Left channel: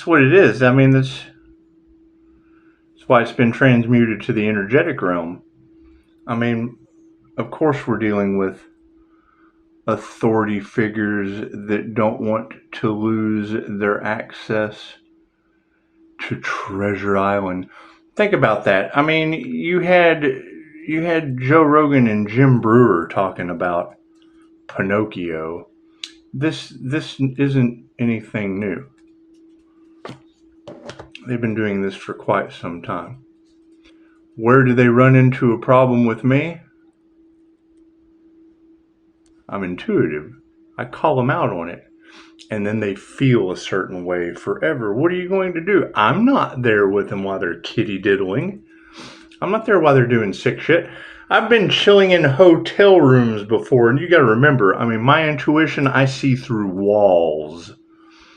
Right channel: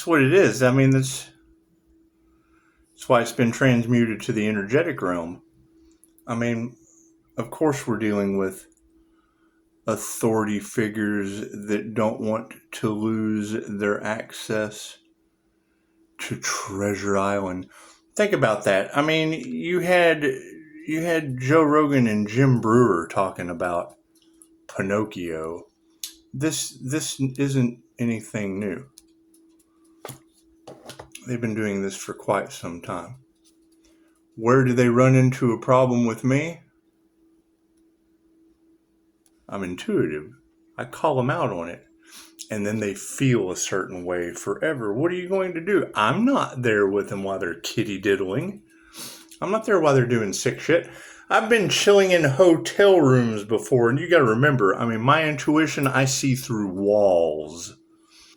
That's what it is. I mean, that's why it's been transmuted to the energetic realm. I mean, of course we're dealing with authority figures that don't want to lose their access to Treasure Island. Think about that. I mean, you had Joe Rogan and Jim Brewer talking about Pinocchio. This isn't anything new. They've been doing this for quite some time. Where do they run into a problem with me? I'm intuitive. I call them out on it. And then they feel a certain way forever. What are you going to do? I'm not there with them while they're kitty diddling. I'm not there while they're doing sick shit. I've been chilling in hotel rooms before, and you got to remember, I mean, my intuition, I see through walls.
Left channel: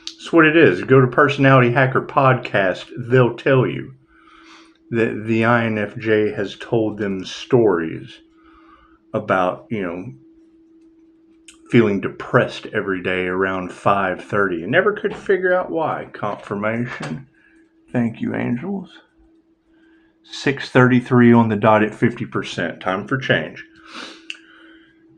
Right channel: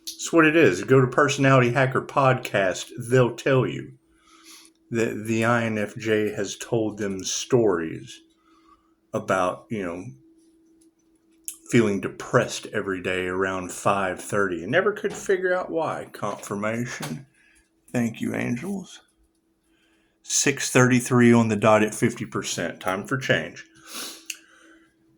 That's what it is. Go to Personality Hacker Podcast. They'll tell you that the INFJ has told them stories about, feeling depressed every day around 5:30 and never could figure out why. Confirmation. Thank you, angels. 6:33 on the dot at 50%. Time for change.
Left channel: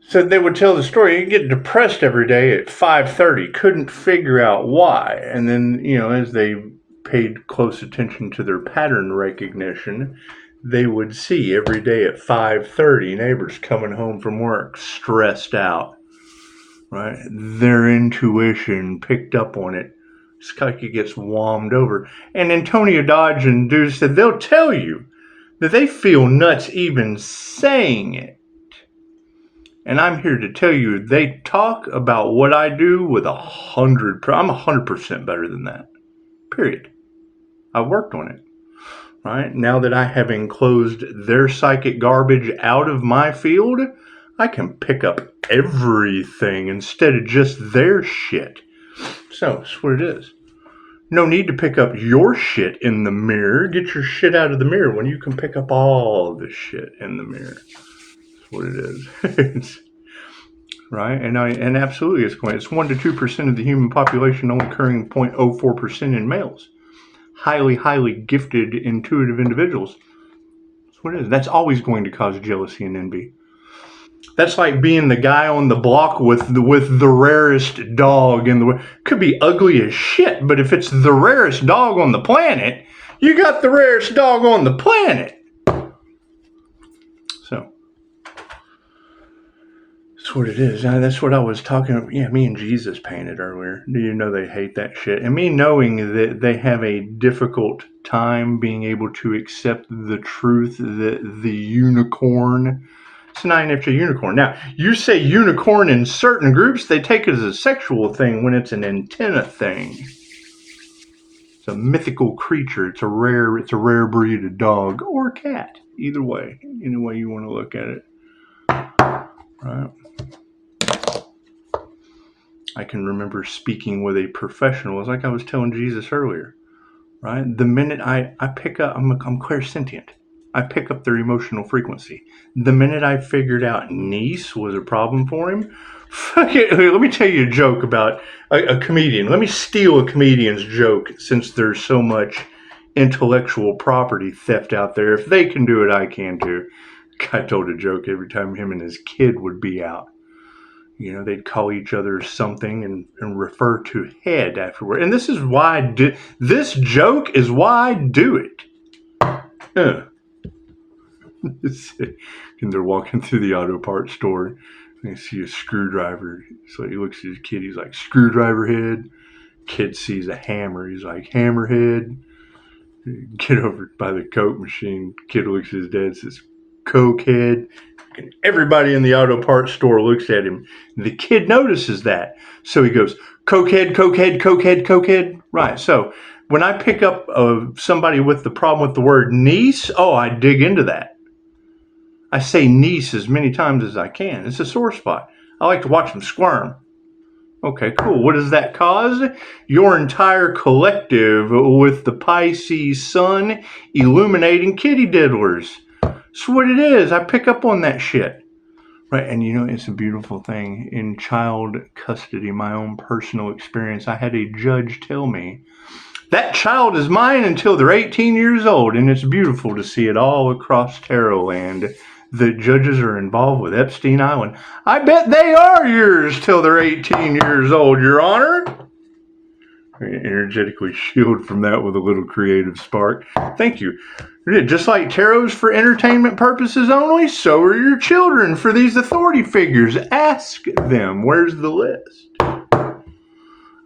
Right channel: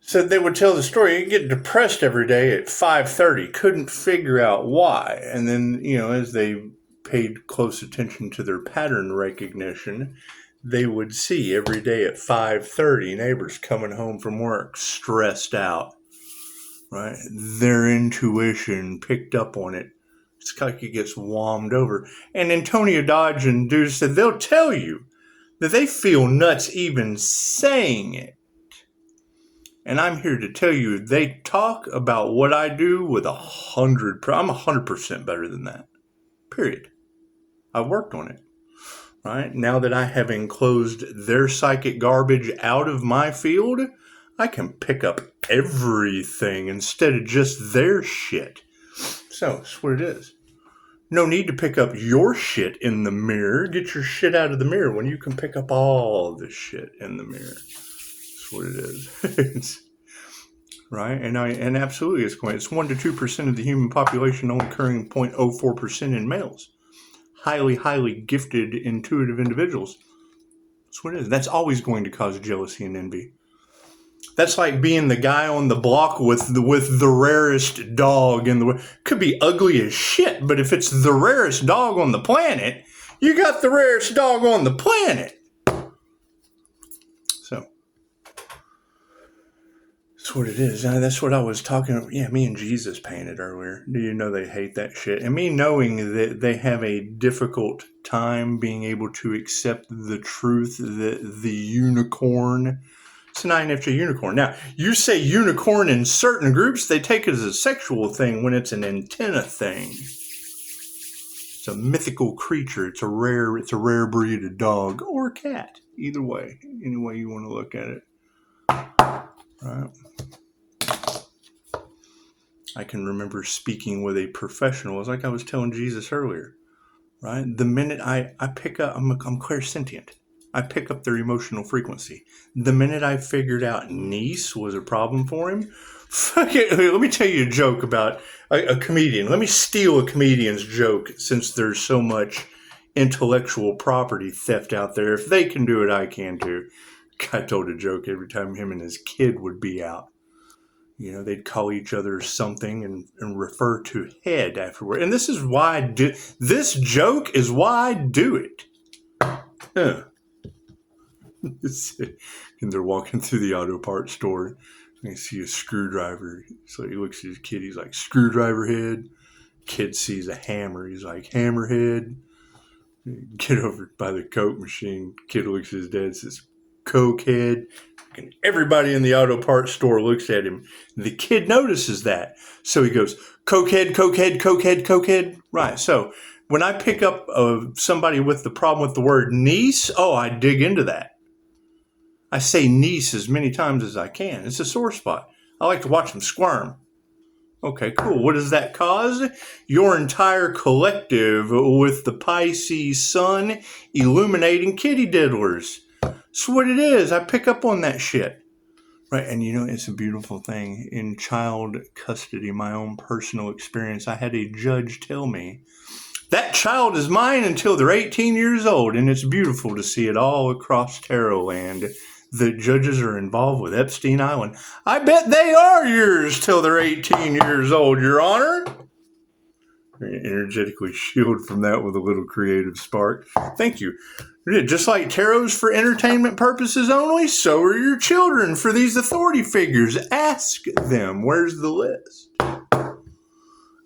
So they would tell the story. You get depressed every day at 5:30. Couldn't figure out why. And then, as they paid close attention to their pattern recognition, they would see every day at 5:30 neighbors coming home from work stressed out. Right? Their intuition picked up on it. It's like it gets whammed over. And Antonio Dodge and Deuce said they'll tell you that they feel nuts even saying it. And I'm here to tell you, they talk about what I do with 100%. I'm 100% better than that. Period. I worked on it. Right? Now that I have enclosed their psychic garbage out of my field, I can pick up everything instead of just their shit. So, that's what it is. No need to pick up your shit in the mirror. Get your shit out of the mirror when you can pick up all the shit in the mirror. That's what it is. Right? And absolutely it's going. It's 1 to 2% of the human population, only occurring 0.04% in males. Highly, highly gifted, intuitive individuals. That's what it is. That's always going to cause jealousy and envy. That's like being the guy on the block with the rarest dog in the... Could be ugly as shit, but if it's the rarest dog on the planet, you got the rarest dog on the planet. So, that's what it is. That's what I was talking about. Yeah, me and Jesus painted earlier. Do you know they hate that shit? And me knowing that they have a difficult time being able to accept the truth that the unicorn... It's an INFJ unicorn. Now, you say unicorn in certain groups, they take it as a sexual thing when it's an antenna thing. It's a mythical creature. It's a rare breed of dog or cat. Either way, any way you want to look at it. Right. I can remember speaking with a professional, it's like I was telling Jesus earlier. Right? The minute I pick up, I'm clairsentient. I pick up their emotional frequency. The minute I figured out niece was a problem for him, fuck it, let me tell you a joke about a comedian. Let me steal a comedian's joke since there's so much intellectual property theft out there. If they can do it, I can too. Guy told a joke every time him and his kid would be out. They'd call each other something and refer to head afterward. And this is why this joke is why I do it. Huh. And they're walking through the auto parts store. You see a screwdriver. So he looks at his kid. He's like, screwdriver head. Kid sees a hammer. He's like, hammer head. Get over by the Coke machine. Kid looks at his dad and says, Coke head. And everybody in the auto parts store looks at him. The kid notices that. So he goes, Coke head, Coke head, Coke head, Coke head. Right. So when I pick up somebody with the problem with the word niece, I dig into that. I say niece as many times as I can. It's a sore spot. I like to watch them squirm. Okay, cool. What does that cause? Your entire collective with the Pisces sun illuminating kitty diddlers. That's what it is. I pick up on that shit. Right, and it's a beautiful thing. In child custody, my own personal experience, I had a judge tell me, that That child is mine until they're 18 years old, and it's beautiful to see it all across Tarot land. The judges are involved with Epstein Island. I bet they are yours till they're 18 years old, Your Honor. Energetically shield from that with a little creative spark. Thank you. Just like tarot's for entertainment purposes only, so are your children for these authority figures. Ask them, where's the list?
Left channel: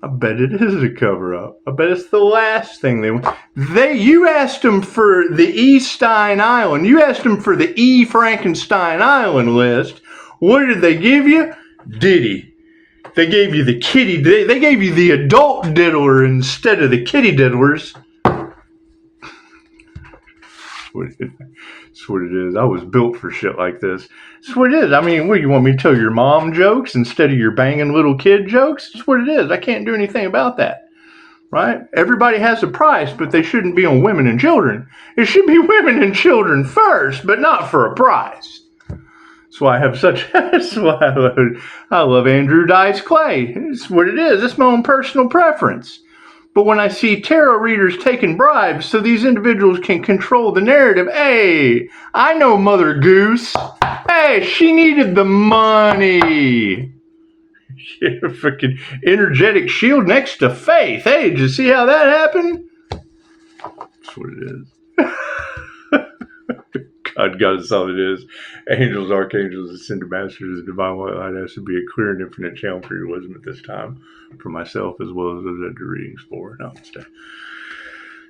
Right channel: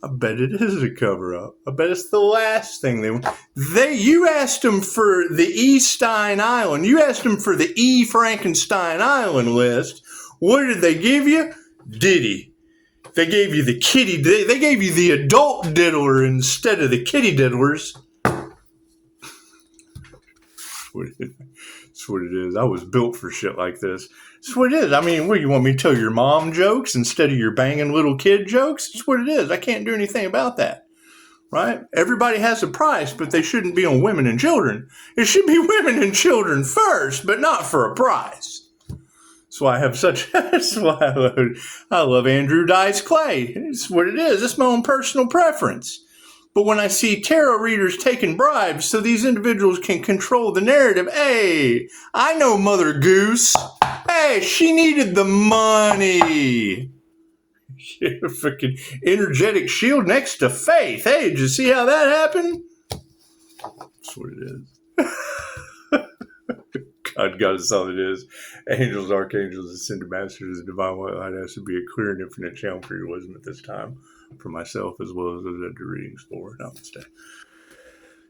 I bet it is a cover-up. I bet it's the last thing you asked them for the E. Stein Island. You asked them for the E. Frankenstein Island list. What did they give you? Diddy. They gave you the kitty. They gave you the adult diddler instead of the kitty diddlers. That's what it is. I was built for shit like this. That's what it is. I mean, what, you want me to tell your mom jokes instead of your banging little kid jokes? That's what it is. I can't do anything about that. Right? Everybody has a price, but they shouldn't be on women and children. It should be women and children first, but not for a price. That's why I have that's why I love Andrew Dice Clay. It's what it is. It's my own personal preference. But when I see tarot readers taking bribes so these individuals can control the narrative, hey, I know Mother Goose. Hey, she needed the money. Freaking energetic shield next to faith. Hey, did you see how that happened? That's what it is. God is all it is. Angels, archangels, ascended masters, the divine white light has to be a clear and infinite channel for your wisdom at this time, for myself as well as those that do readings for. Namaste.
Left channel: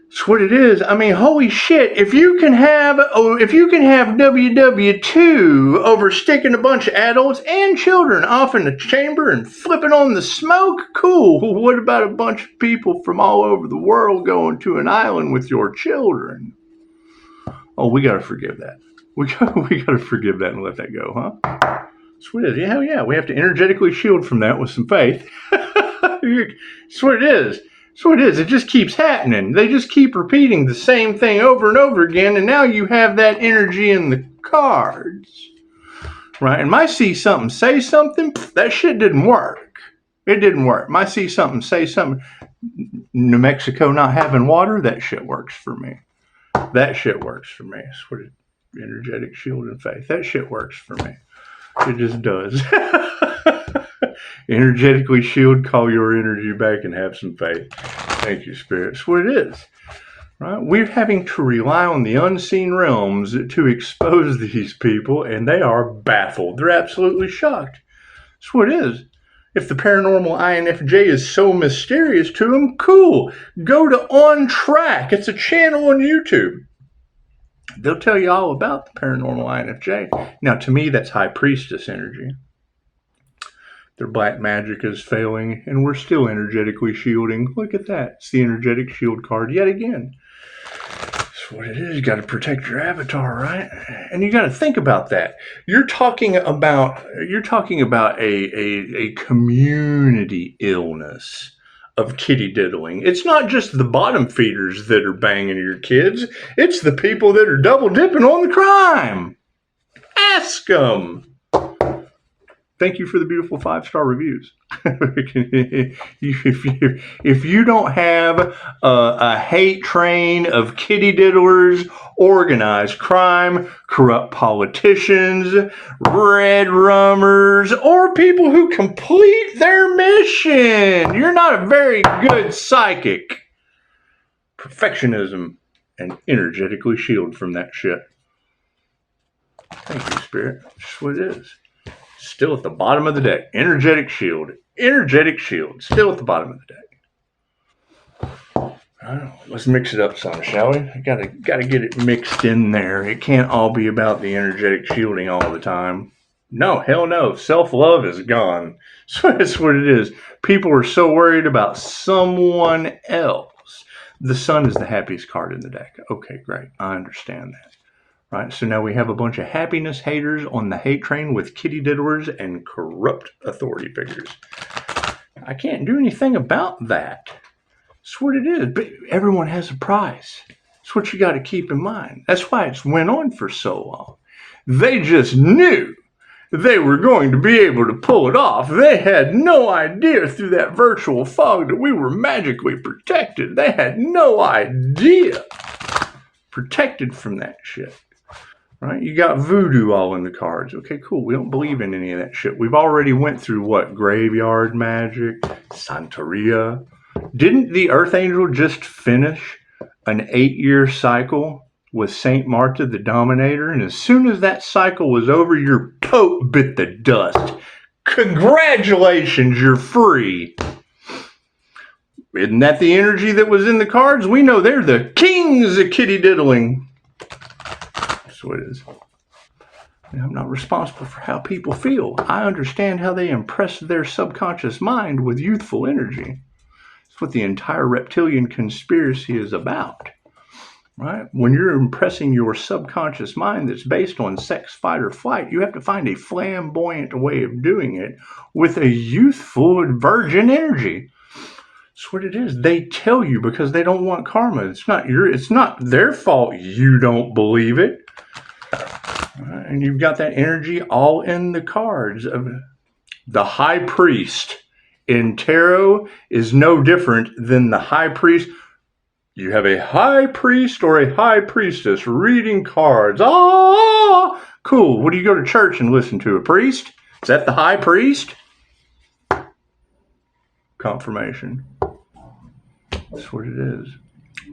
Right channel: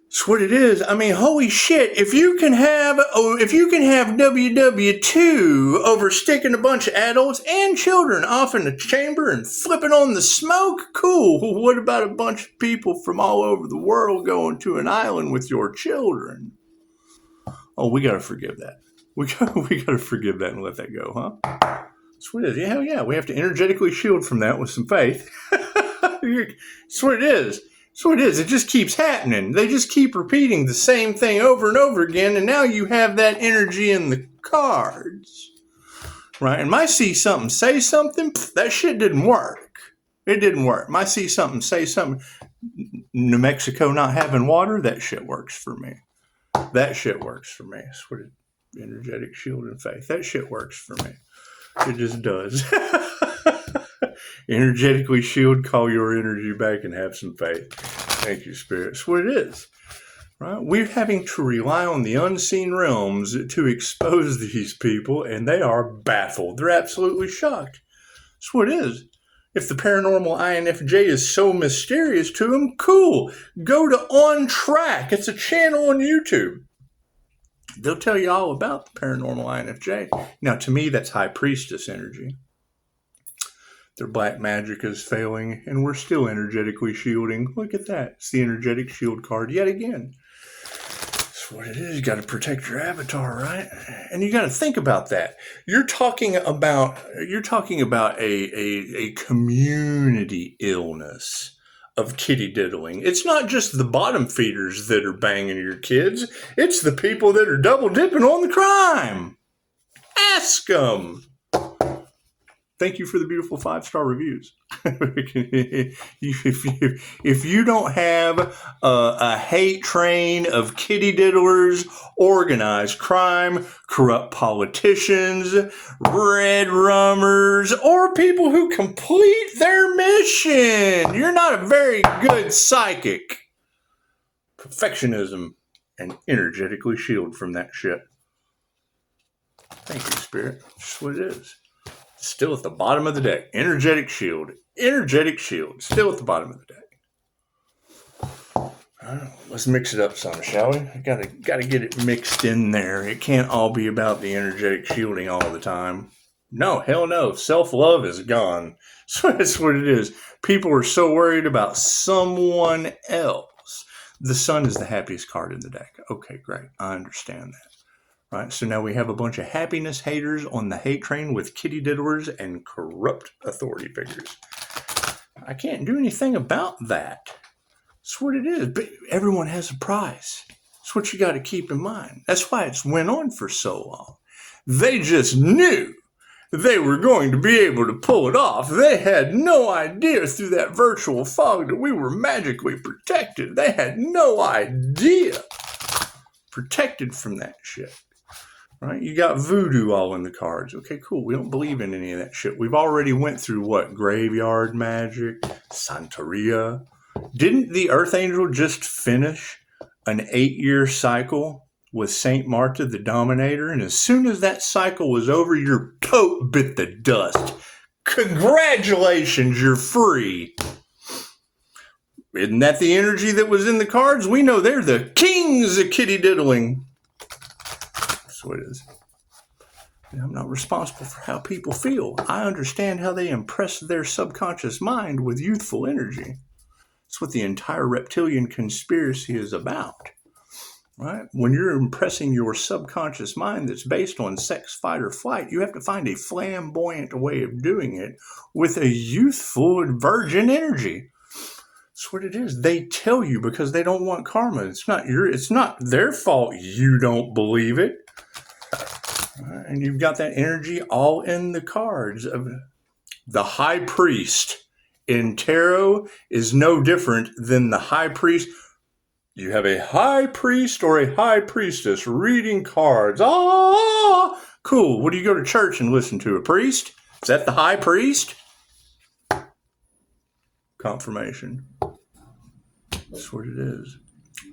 That's what it is. I mean, holy shit! If you can have WW2 over sticking a bunch of adults and children off in the chamber and flipping on the smoke, cool. What about a bunch of people from all over the world going to an island with your children? Oh, we got to forgive that. We got to forgive that and let that go, huh? That's what it is. Yeah, hell yeah. We have to energetically shield from that with some faith. That's what it is. That's what it is. It just keeps happening. They just keep repeating the same thing over and over again, and now you have that energy in the cards. Right? And my see something, say something, that shit didn't work. It didn't work. My see something, say something. New Mexico not having water, that shit works for me. That shit works for me. That's what it, energetic shield and faith. That shit works for me. It just does. Energetically shield, call your energy back, and have some faith. Thank you, Spirit. That's what it is. Right? We're having to rely on the unseen realms to expose these people, and they are baffled. They're absolutely shocked. That's what it is. If the paranormal INFJ is so mysterious to them, cool. Go to On Track. It's a channel on YouTube. They'll tell you all about the paranormal INFJ. Now, to me, that's High Priestess energy. Their black magic is failing, and we're still energetically shielding. Look at that. It's the energetic shield card yet again. That's what it is. You got to protect your avatar, right? And you got to think about that. You're talking about a community illness of kitty diddling. It's not just the bottom feeders that are banging your kids. It's the people that are double dipping on the crime. Ask them. Thank you for the beautiful 5-star reviews. If you don't have a hate train of kitty diddlers, organized crime, corrupt politicians, red rummers, or people who complete their mission, you're not a very good psychic. Perfectionism and energetically shield from that shit. Thank you, Spirit. That's what it is. Still at the bottom of the deck. Energetic shield. Energetic shield. Still at the bottom of the deck. Let's mix it up some, shall we? Gotta get it mixed in there. It can't all be about the energetic shielding all the time. No, hell no. Self-love is gone. So that's what it is. People are so worried about someone else. The sun is the happiest card in the deck. Okay, great. I understand that. Right, so now we have a bunch of happiness haters on the hate train with kitty diddlers and corrupt authority figures. I can't do anything about that. That's what it is. But everyone has a price. That's what you got to keep in mind. That's why it's went on for so long. They just knew they were going to be able to pull it off. They had no idea through that virtual fog that we were magically protected. They had no idea. Protected from that shit. Right? You got voodoo all in the cards. Okay, cool. We don't believe in any of that shit. We've already went through what? Graveyard magic, Santeria. Didn't the Earth Angel just finish an 8-year cycle with Saint Marta the Dominator? And as soon as that cycle was over, your Pope bit the dust. Congratulations, you're free. Isn't that the energy that was in the cards? We know they're the kings of kitty diddling. So it is. I'm not responsible for how people feel. I understand how they impress their subconscious mind with youthful energy. That's what the entire reptilian conspiracy is about. Right? When you're impressing your subconscious mind that's based on sex, fight, or flight, you have to find a flamboyant way of doing it with a youthful virgin energy. That's what it is. They tell you because they don't want karma. It's not their fault you don't believe it. And you've got that energy all in the cards. The high priest in tarot is no different than the high priest. You have a high priest or a high priestess reading cards. Ah, cool. What do you go to church and listen to? A priest? Is that the high priest? Confirmation. That's what it is.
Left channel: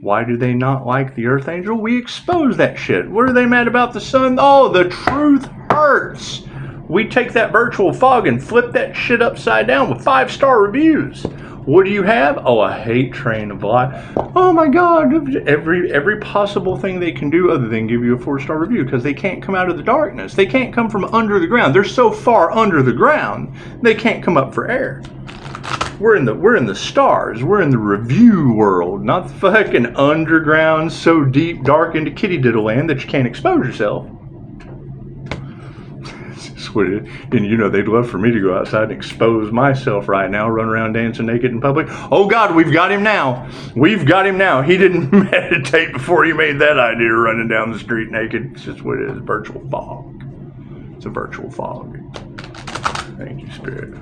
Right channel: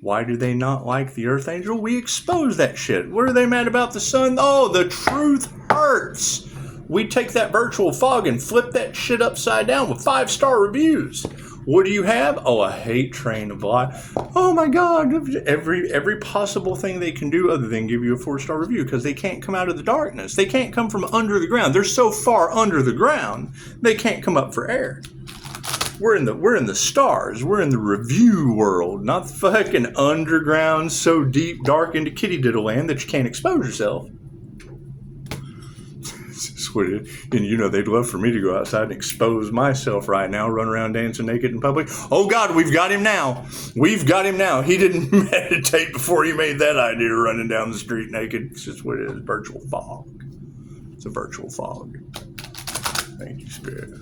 Why do they not like the Earth Angel? We expose that shit. What are they mad about the sun? Oh, the truth hurts. We take that virtual fog and flip that shit upside down with 5-star reviews. What do you have? Oh, a hate train of lies. Oh my God. Every possible thing they can do other than give you a 4-star review because they can't come out of the darkness. They can't come from under the ground. They're so far under the ground, they can't come up for air. We're in the stars. We're in the review world, not the fucking underground, so deep, dark into kitty diddle land that you can't expose yourself. And you know, they'd love for me to go outside and expose myself right now, run around dancing naked in public. Oh God, we've got him now. We've got him now. He didn't meditate before he made that idea running down the street naked. It's just what it is, virtual fog. It's a virtual fog. Thank you, Spirit.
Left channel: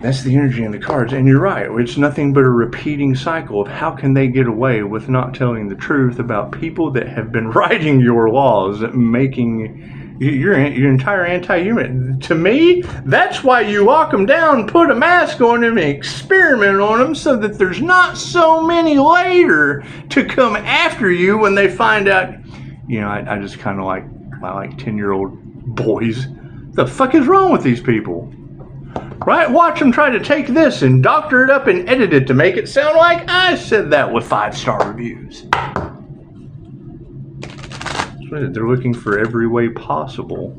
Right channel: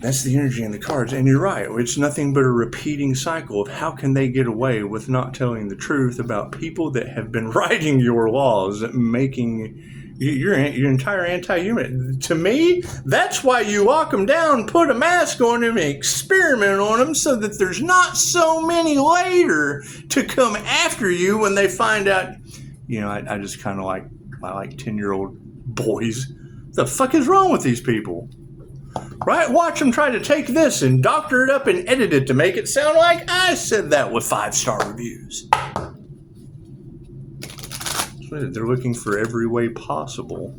That's the energy in the cards. And you're right. It's nothing but a repeating cycle of how can they get away with not telling the truth about people that have been writing your laws, making your entire anti-human. To me, that's why you lock them down, put a mask on them, and experiment on them so that there's not so many later to come after you when they find out. You know, I just kind of like 10-year-old boys. The fuck is wrong with these people? Right? Watch them try to take this and doctor it up and edit it to make it sound like I said that with 5-star reviews. They're looking for every way possible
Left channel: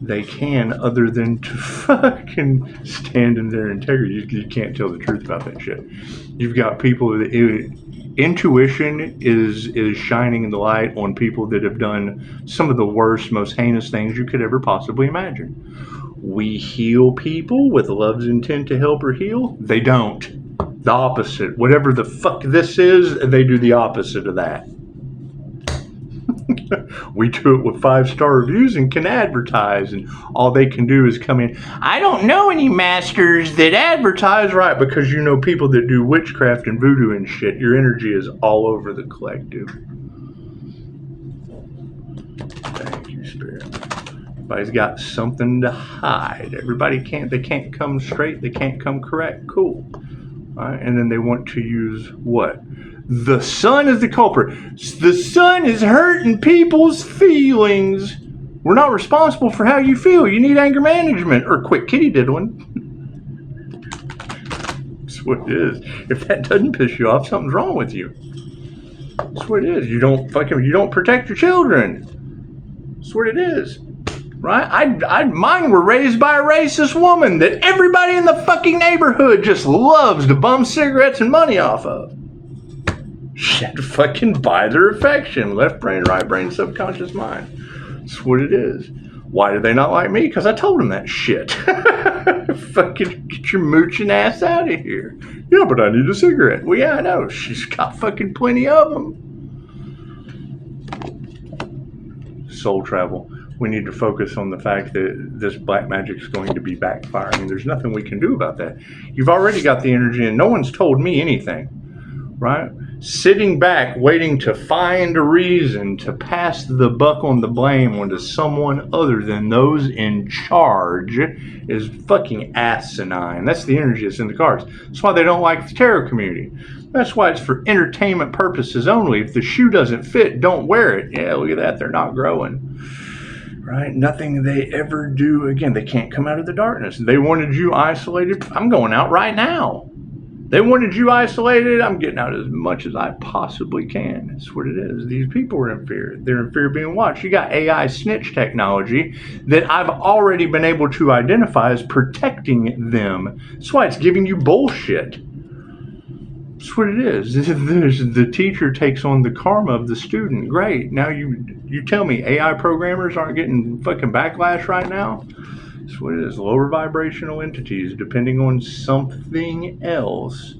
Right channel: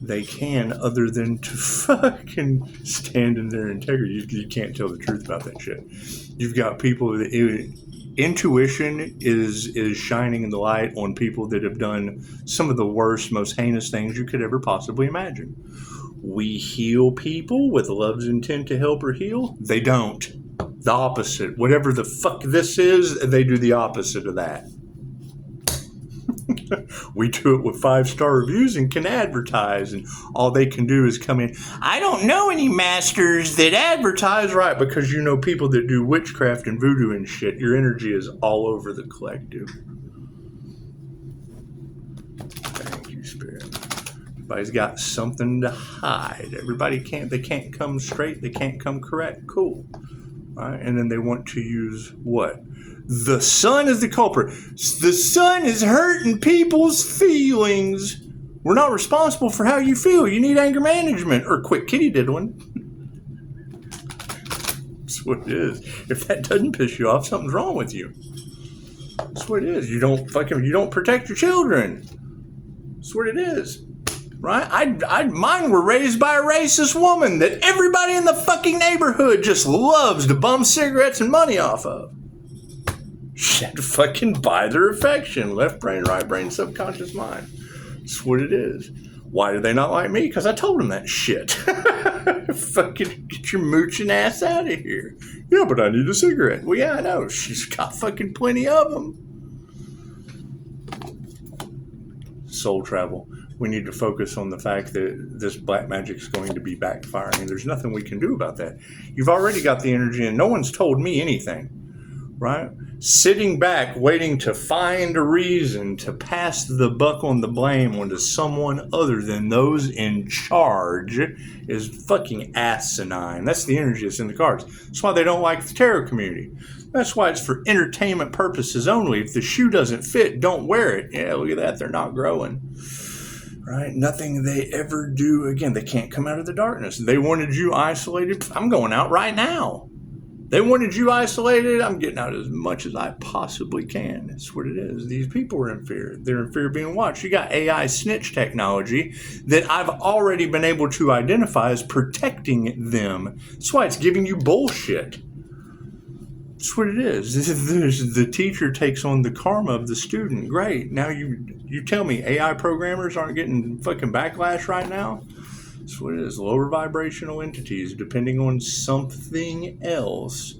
they can other than to fucking stand in their integrity. You can't tell the truth about that shit. You've got people that intuition is shining the light on people that have done some of the worst, most heinous things you could ever possibly imagine. We heal people with love's intent to help or heal. They don't. The opposite. Whatever the fuck this is, they do the opposite of that. We do it with 5-star reviews and can advertise, and all they can do is come in. I don't know any masters that advertise, right? Because you know people that do witchcraft and voodoo and shit. Your energy is all over the collective. Thank you, Spirit. Everybody's got something to hide. They can't come straight. They can't come correct. Cool. All right. And then they want to use what? The sun is the culprit. The sun is hurting people's feelings. We're not responsible for how you feel. You need anger management or quit kitty diddling. That's what it is. If that doesn't piss you off, something's wrong with you. That's what it is. You don't protect your children. That's what it is. Right? Mine were raised by a racist woman that everybody in the fucking neighborhood just loves to bum cigarettes and money off of. She had to fucking buy their affection. Left brain, right brain, subconscious mind. That's what it is. Why do they not like me? Because I told them that shit. Fucking get your mooching ass out of here. Yeah, but I need a cigarette. Well, yeah, I know. She's got fucking plenty of them. Soul travel. we need to focus on the fact that this black magic is going to be backfiring, and there's nothing we can do about that. You've already got the energy, and no one's told me anything, right? Sitting back, waiting to find a reason to pass the buck on the blame onto someone other than those in charge is fucking asinine. That's the energy that's in the cards. That's why they don't like the tarot community. That's why it's for entertainment purposes only. If the shoe doesn't fit, don't wear it. Yeah, look at that. They're not growing. Right? Nothing they ever do again. They can't come out of the darkness. They wanted you isolated. I'm going out right now. They wanted you isolated. I'm getting out as much as I possibly can. That's what it is. These people are in fear. They're in fear of being watched. You got AI snitch technology that I've already been able to identify as protecting them. That's why it's giving you bullshit. That's what it is. The teacher takes on the karma of the student. Great. Now you tell me AI programmers aren't getting fucking backlash right now? That's what it is. Lower vibrational entities depending on something else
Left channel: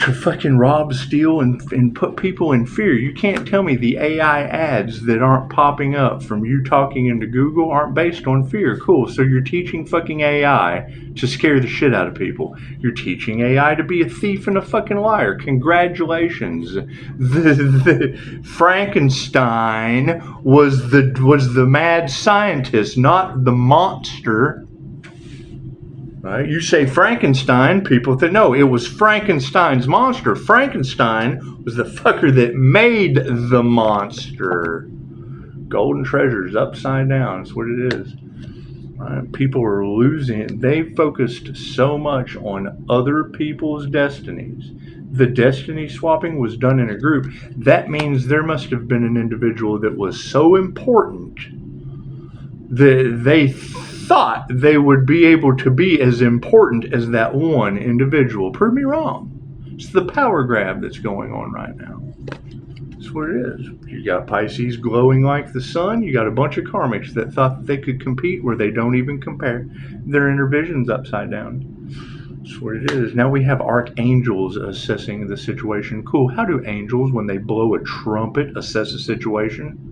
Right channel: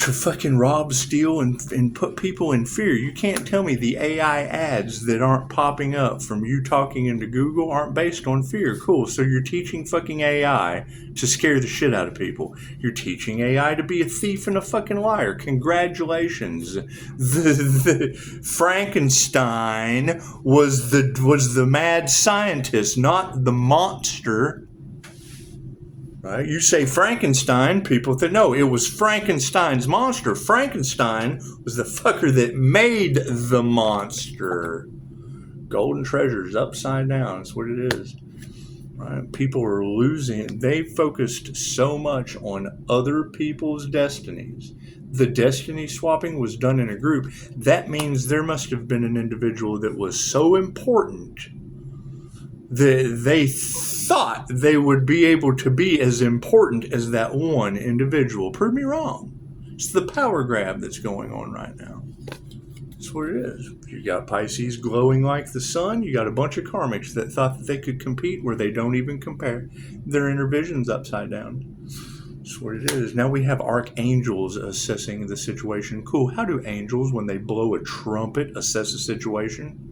to fucking rob, steal, and put people in fear. You can't tell me the AI ads that aren't popping up from you talking into Google aren't based on fear. Cool. So you're teaching fucking AI to scare the shit out of people. You're teaching AI to be a thief and a fucking liar. Congratulations. The Frankenstein was the mad scientist, not the monster. Right? You say Frankenstein, people think, no, it was Frankenstein's monster. Frankenstein was the fucker that made the monster. Golden treasures upside down. That's what it is. Right? People are losing. They focused so much on other people's destinies. The destiny swapping was done in a group. That means there must have been an individual that was so important that they thought they would be able to be as important as that one individual. Prove me wrong. It's the power grab that's going on right now. That's what it is. You got Pisces glowing like the sun. You got a bunch of karmics that thought that they could compete where they don't even compare. Their inner vision's upside down. That's what it is. Now we have archangels assessing the situation. Cool. How do angels, when they blow a trumpet, assess a situation?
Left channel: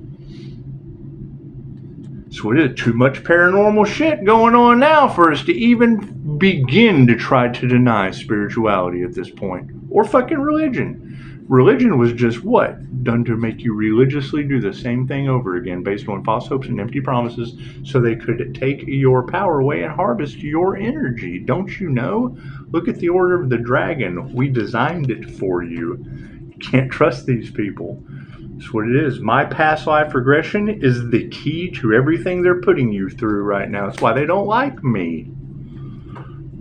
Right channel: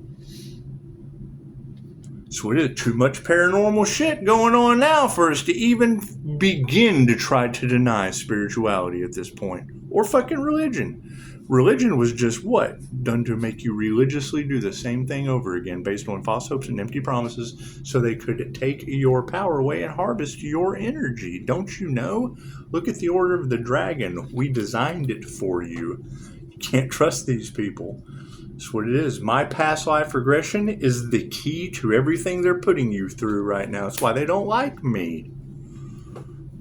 So it is too much paranormal shit going on now for us to even begin to try to deny spirituality at this point. Or fucking religion. Religion was just what? Done to make you religiously do the same thing over again based on false hopes and empty promises so they could take your power away and harvest your energy. Don't you know? Look at the Order of the Dragon. We designed it for you. You can't trust these people. That's what it is. My past life regression is the key to everything they're putting you through right now. That's why they don't like me.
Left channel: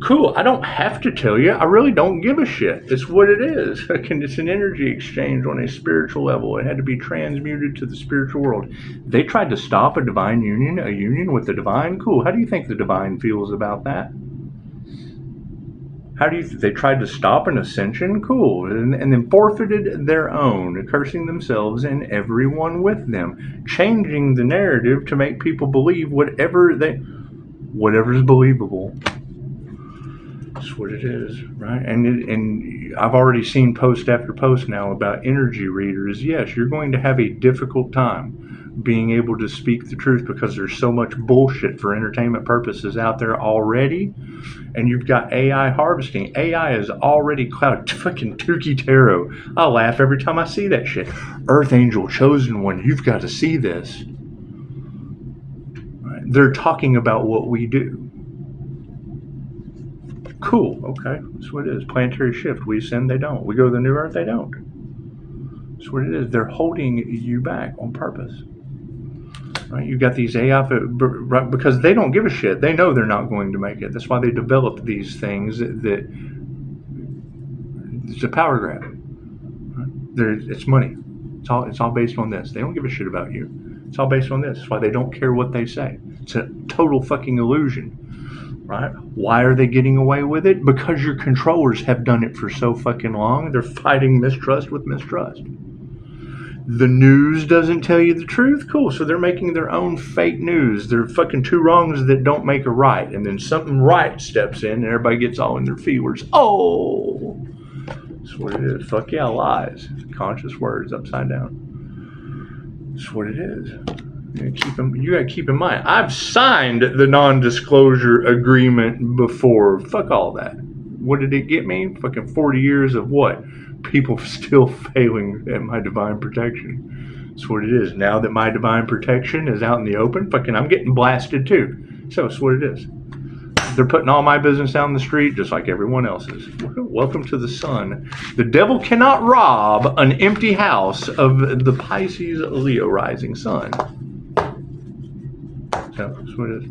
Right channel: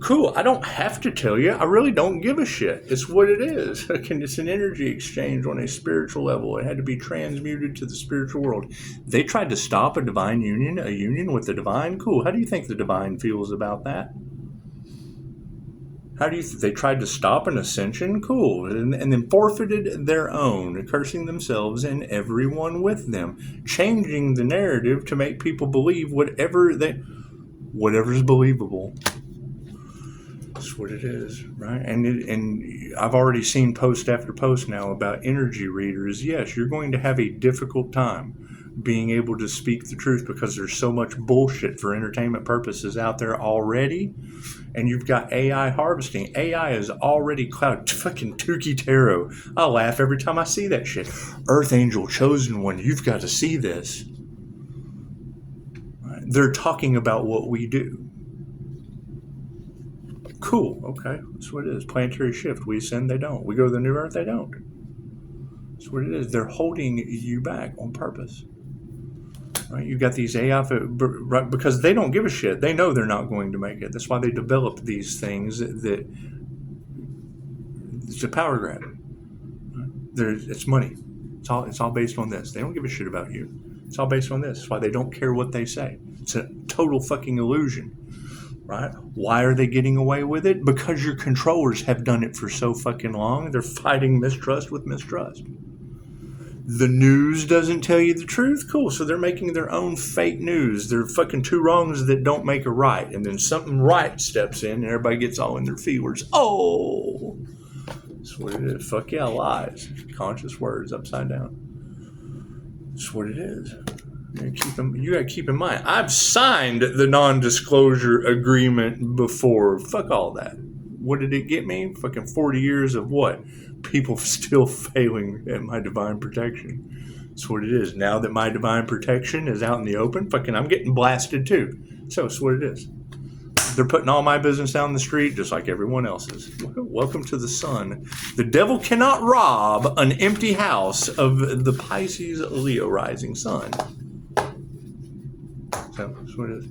Cool. I don't have to tell you. I really don't give a shit. It's what it is. It's an energy exchange on a spiritual level. It had to be transmuted to the spiritual world. They tried to stop a divine union, a union with the divine. Cool. How do you think the divine feels about that? How do you they tried to stop an ascension? Cool. And then forfeited their own, cursing themselves and everyone with them, changing the narrative to make people believe whatever's believable. That's what it is, right? And I've already seen post after post now about energy readers. Yes, you're going to have a difficult time being able to speak the truth because there's so much bullshit for entertainment purposes out there already. And you've got AI harvesting. AI is already cloud. Fucking Tukey Tarot. I laugh every time I see that shit. Earth Angel, Chosen One, you've got to see this. Right? They're talking about what we do. Cool. Okay. That's what it is. Planetary shift. We ascend, they don't. We go to the new Earth, they don't. That's what it is. They're holding you back on purpose. Right? You got these AI, right, because they don't give a shit. They know they're not going to make it. That's why they develop these things that it's a power grab. Right? It's money. It's all based on this. They don't give a shit about you. It's all based on this. That's why they don't care what they say. It's a total fucking illusion. Right? Why are they getting away with it? Because your controllers have done it for so fucking long. They're fighting mistrust with mistrust. The news doesn't tell you the truth? Cool. So they're making their own fake news. They're fucking two wrongs that don't make a right. And then something right steps in and everybody gets all in their feelers. Oh! That's what it is. Fuck yeah, lies. Conscious words upside down. That's what it is. You gotta keep in mind, I've signed the non-disclosure agreement before. Fuck all that. What did it get me? Fucking 40 years of what? People still failing at my divine protection. That's what it is. Now that my divine protection is out in the open, fucking I'm getting blasted too. So that's what it is. They're putting all my business out in the street just like everyone else's. Welcome to the sun. The devil cannot rob an empty house of the Pisces Leo rising sun. So that's what it is.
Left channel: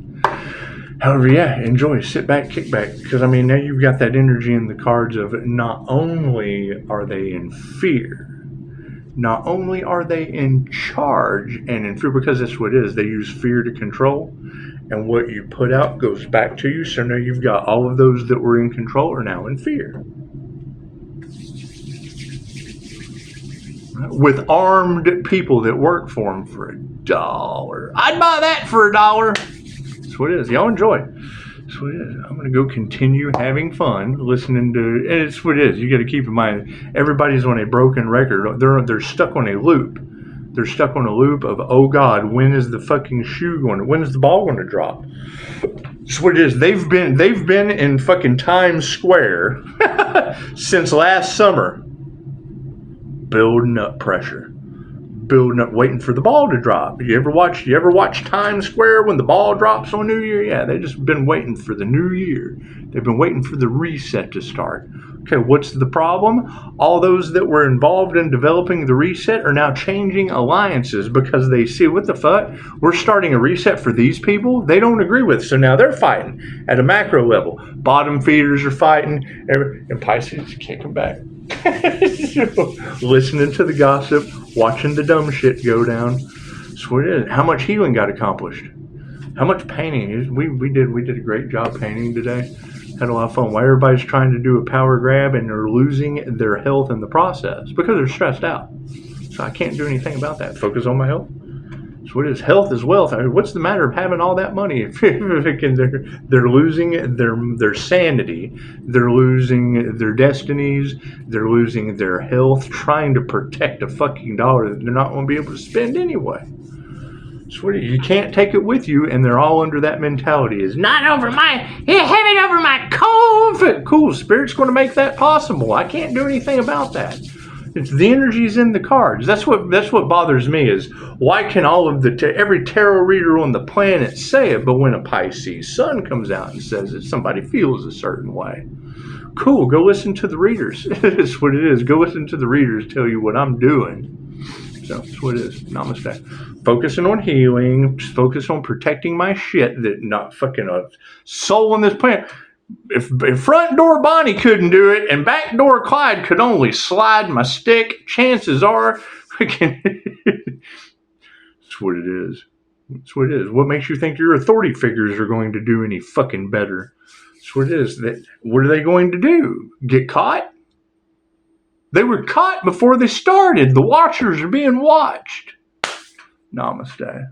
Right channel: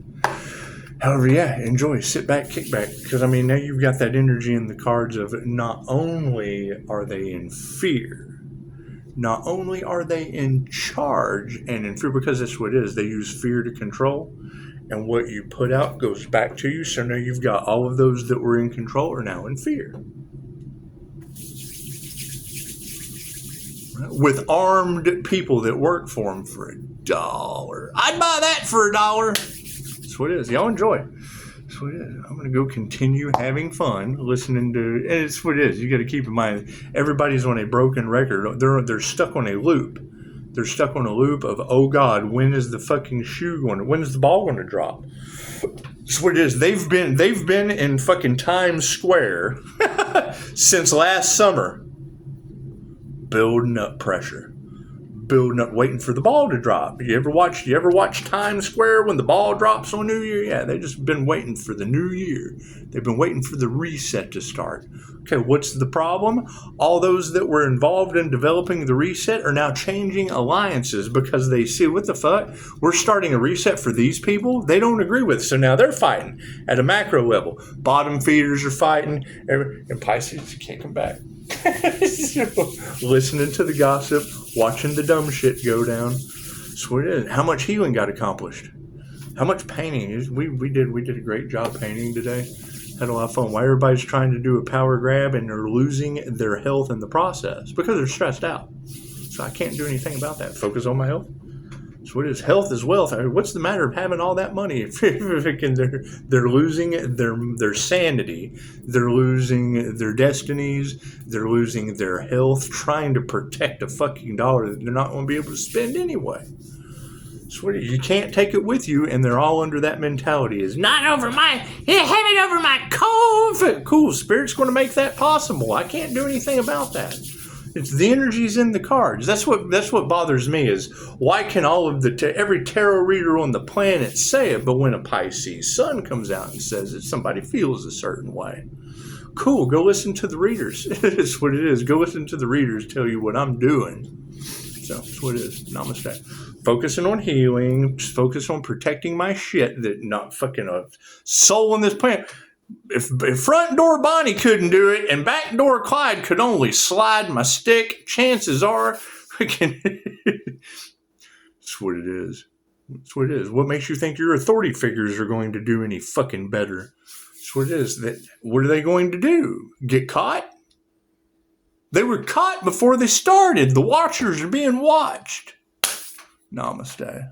However, yeah, enjoy, sit back, kick back, because I mean, now you've got that energy in the cards of not only are they in fear, not only are they in charge and in fear, because that's what it is. They use fear to control, and what you put out goes back to you. So now you've got all of those that were in control are now in fear. With armed people that work for them for $1. I'd buy that for $1. That's what it is. Y'all enjoy. That's what it is. I'm going to go continue having fun listening to, and it's what it is. You got to keep in mind, everybody's on a broken record. They're stuck on a loop. They're stuck on a loop of, oh God, when is the fucking shoe going? When is the ball going to drop? That's what it is. They've been in fucking Times Square since last summer, building up pressure. Building up, waiting for the ball to drop. You ever watch Times Square when the ball drops on New Year? Yeah, they've just been waiting for the new year. They've been waiting for the reset to start. Okay, what's the problem? All those that were involved in developing the reset are now changing alliances because they see, what the fuck? We're starting a reset for these people they don't agree with. So now they're fighting at a macro level. Bottom feeders are fighting, and Pisces can't come back. Listening to the gossip, watching the dumb shit go down. That's what it is. How much healing got accomplished? How much painting? We did a great job painting today. Had a lot of fun. Why everybody's trying to do a power grab and they're losing their health in the process? Because they're stressed out. So I can't do anything about that. Focus on my health. So what is health is wealth? I mean, what's the matter of having all that money? They're losing their sanity. They're losing their destinies. They're losing their health, trying to protect a fucking dollar that they're not going to be able to spend anyway. So you can't take it with you, and they're all under that mentality. Is not over my have it over my cold. Cool, Spirit's going to make that possible. I can't do anything about that. It's the energies in the cards. That's what bothers me is why can all of every tarot reader on the planet say it, but when a Pisces sun comes out and says it, somebody feels a certain way. Cool, go listen to the readers. That's what it is. Go listen to the readers tell you what I'm doing. So that's what it is. Namaste. Focusing on healing, focus on protecting my shit that not fucking a soul on this planet. If front door Bonnie couldn't do it and back door Clyde could only slide my stick, chances are, that's what it is. That's what it is. What makes you think your authority figures are going to do any fucking better? That's what it is. What are they going to do? Get caught? They were caught before they started. The watchers are being watched. Namaste.